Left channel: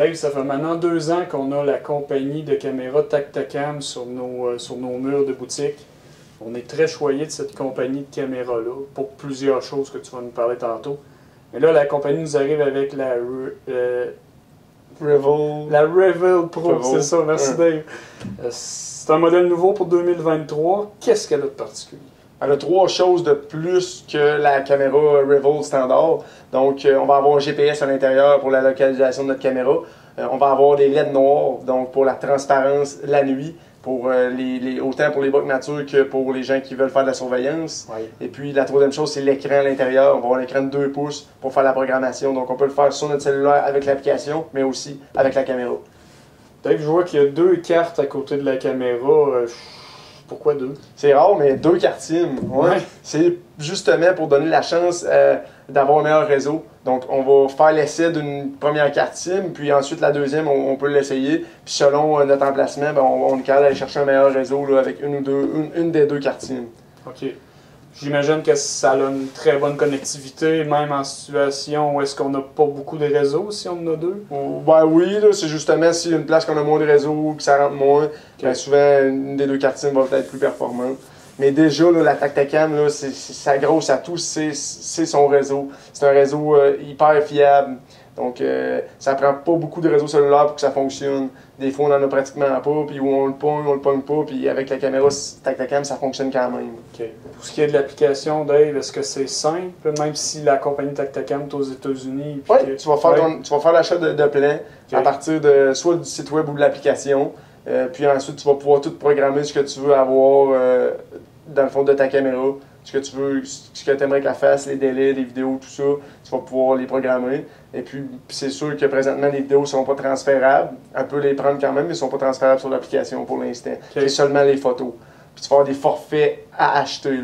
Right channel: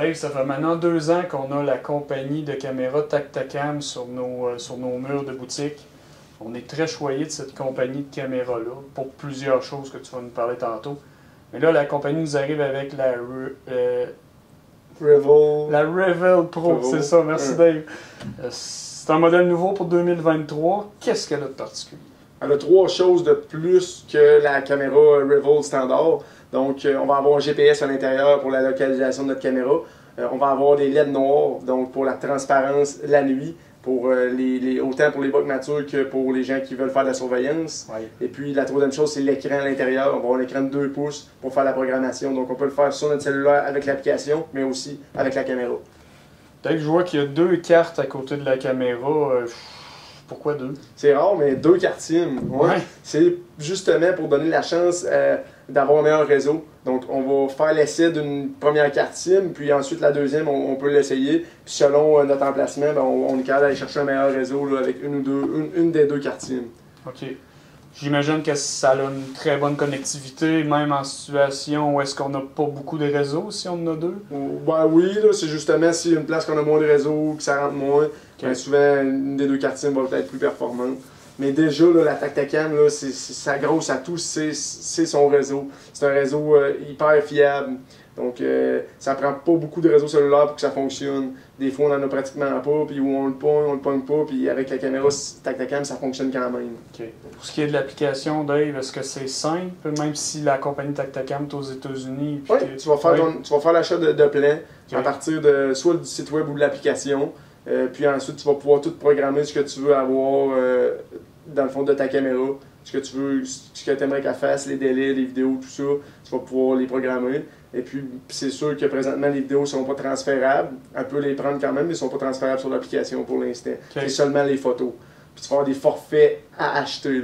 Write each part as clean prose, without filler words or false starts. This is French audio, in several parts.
Dave, ça fait maintenant 2 ans qu'on a la compagnie de caméras Tactacam sur nos murs de boutique. On est très choyé de cette compagnie de caméras-là pour plusieurs choses que tu vas nous parler tantôt. Mais là, la compagnie nous arrive avec la Revel Pro, c'est ça, merci Dave. C'est un modèle nouveau pour 2023. Qu'est-ce qu'elle a de particulier? Elle a 3 choses de plus que la caméra Revel standard. Donc, on va avoir un GPS à l'intérieur pour la localisation de notre caméra. On va avoir des LED noirs, donc pour la transparence la nuit, pour autant pour les bugs nature que pour les gens qui veulent faire de la surveillance. Oui. Et puis, la troisième chose, c'est l'écran à l'intérieur. On va avoir un écran de 2 pouces pour faire la programmation. Donc, on peut le faire sur notre cellulaire avec l'application, mais aussi avec la caméra. Dave, je vois qu'il y a 2 cartes à côté de la caméra. Pourquoi 2? C'est rare, mais 2 cartes SIM. Ouais. C'est justement pour donner la chance d'avoir un meilleur réseau. Donc, on va faire l'essai d'une première carte SIM, puis ensuite la deuxième, on peut l'essayer. Puis selon notre emplacement, ben, on est capable d'aller chercher un meilleur réseau là, avec une des 2 cartes SIM. OK. J'imagine que ça a une très bonne connectivité, même en situation où est-ce qu'on n'a pas beaucoup de réseaux, si on en a 2? Ben oui, c'est justement s'il y a une place qu'on a moins de réseau, puis ça rentre moins, ben souvent une des 2 cartes SIM va être plus performante. Mais déjà, là, la Tactacam, ça grosse à tout, c'est son réseau. C'est un réseau hyper fiable. Donc, ça prend pas beaucoup de réseaux cellulaires pour que ça fonctionne. Des fois, on en a pratiquement pas, puis où on le pogne pas, puis avec la caméra Tactacam, ça fonctionne quand même. OK. Pour ce qui est de l'application, Dave, est-ce que c'est simple, même si la compagnie Tactacam est aux États-Unis? Oui, tu vas faire l'achat de plan à partir de soit du site web ou de l'application. Puis ensuite, tu vas pouvoir tout programmer ce que tu veux avoir dans le fond de ta caméra. Ce que tu veux, ce que tu aimerais qu'elle fasse, les délais, les vidéos, tout ça, tu vas pouvoir les programmer. Et puis, c'est sûr que présentement, les vidéos ne sont pas transférables. Elle peut les prendre quand même, mais ils ne sont pas transférables sur l'application pour l'instant. C'est seulement les photos. Puis, tu vas avoir des forfaits à acheter.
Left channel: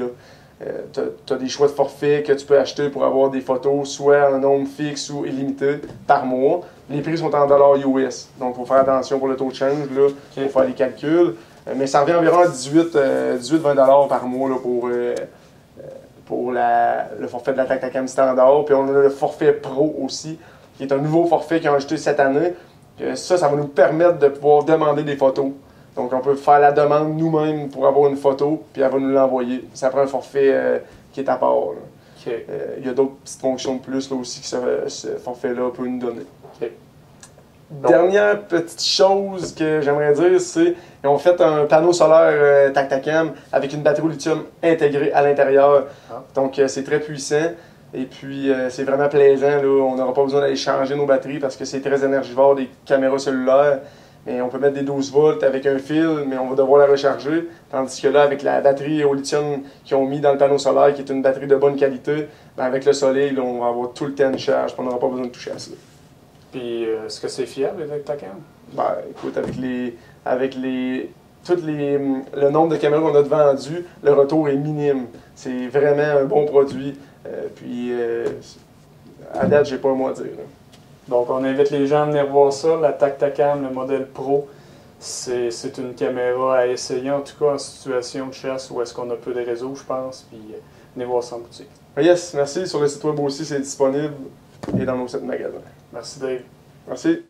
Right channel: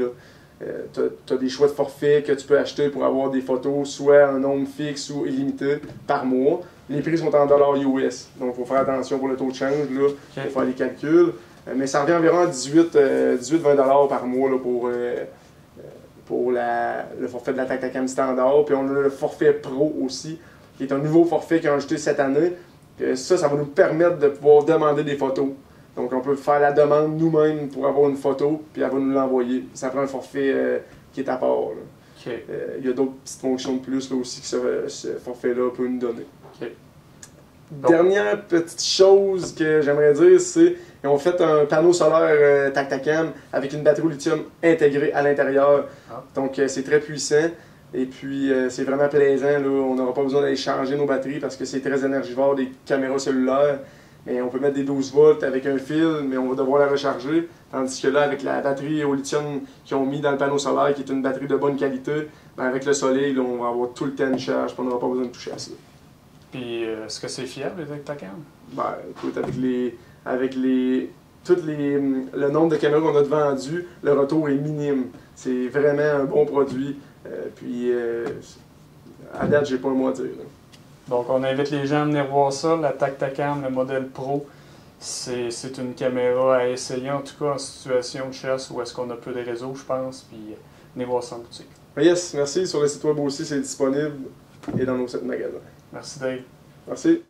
Tu as des choix de forfaits que tu peux acheter pour avoir des photos, soit en nombre fixe ou illimité par mois. Les prix sont en dollars US. Donc, il faut faire attention pour le taux de change, là, pour faire les calculs. Mais ça revient environ à 18-20$ par mois là, pour le forfait de la Tactacam standard. Puis on a le forfait Pro aussi, qui est un nouveau forfait qu'ils ont ajouté cette année. Ça va nous permettre de pouvoir demander des photos. Donc on peut faire la demande nous-mêmes pour avoir une photo, puis elle va nous l'envoyer. Ça prend un forfait qui est à part. Il y a d'autres petites fonctions de plus là, aussi que ce forfait-là peut nous donner. Dernière petite chose que j'aimerais dire, c'est qu'ils ont fait un panneau solaire Tactacam avec une batterie au lithium intégrée à l'intérieur. Donc c'est très puissant et puis c'est vraiment plaisant. Là. On n'aura pas besoin d'aller changer nos batteries parce que c'est très énergivore des caméras cellulaires. Et on peut mettre des 12 volts avec un fil, mais on va devoir la recharger. Tandis que là, avec la batterie au lithium qu'ils ont mis dans le panneau solaire, qui est une batterie de bonne qualité, ben avec le soleil, là, on va avoir tout le temps de charge, on n'aura pas besoin de toucher à ça. Puis, est-ce que c'est fiable avec Tactacam? Ben, écoute, le nombre de caméras qu'on a de vendues, le retour est minime. C'est vraiment un bon produit. À date, j'ai pas un mot à dire. Là. Donc, on invite les gens à venir voir ça. La Tactacam, le modèle Pro, c'est une caméra à essayer, en tout cas en situation de chasse où est-ce qu'on a peu de réseaux, je pense. Puis, venez voir ça en boutique. Yes, merci. Sur le site web aussi, c'est disponible et dans nos sites magasins. Merci Dave. Merci.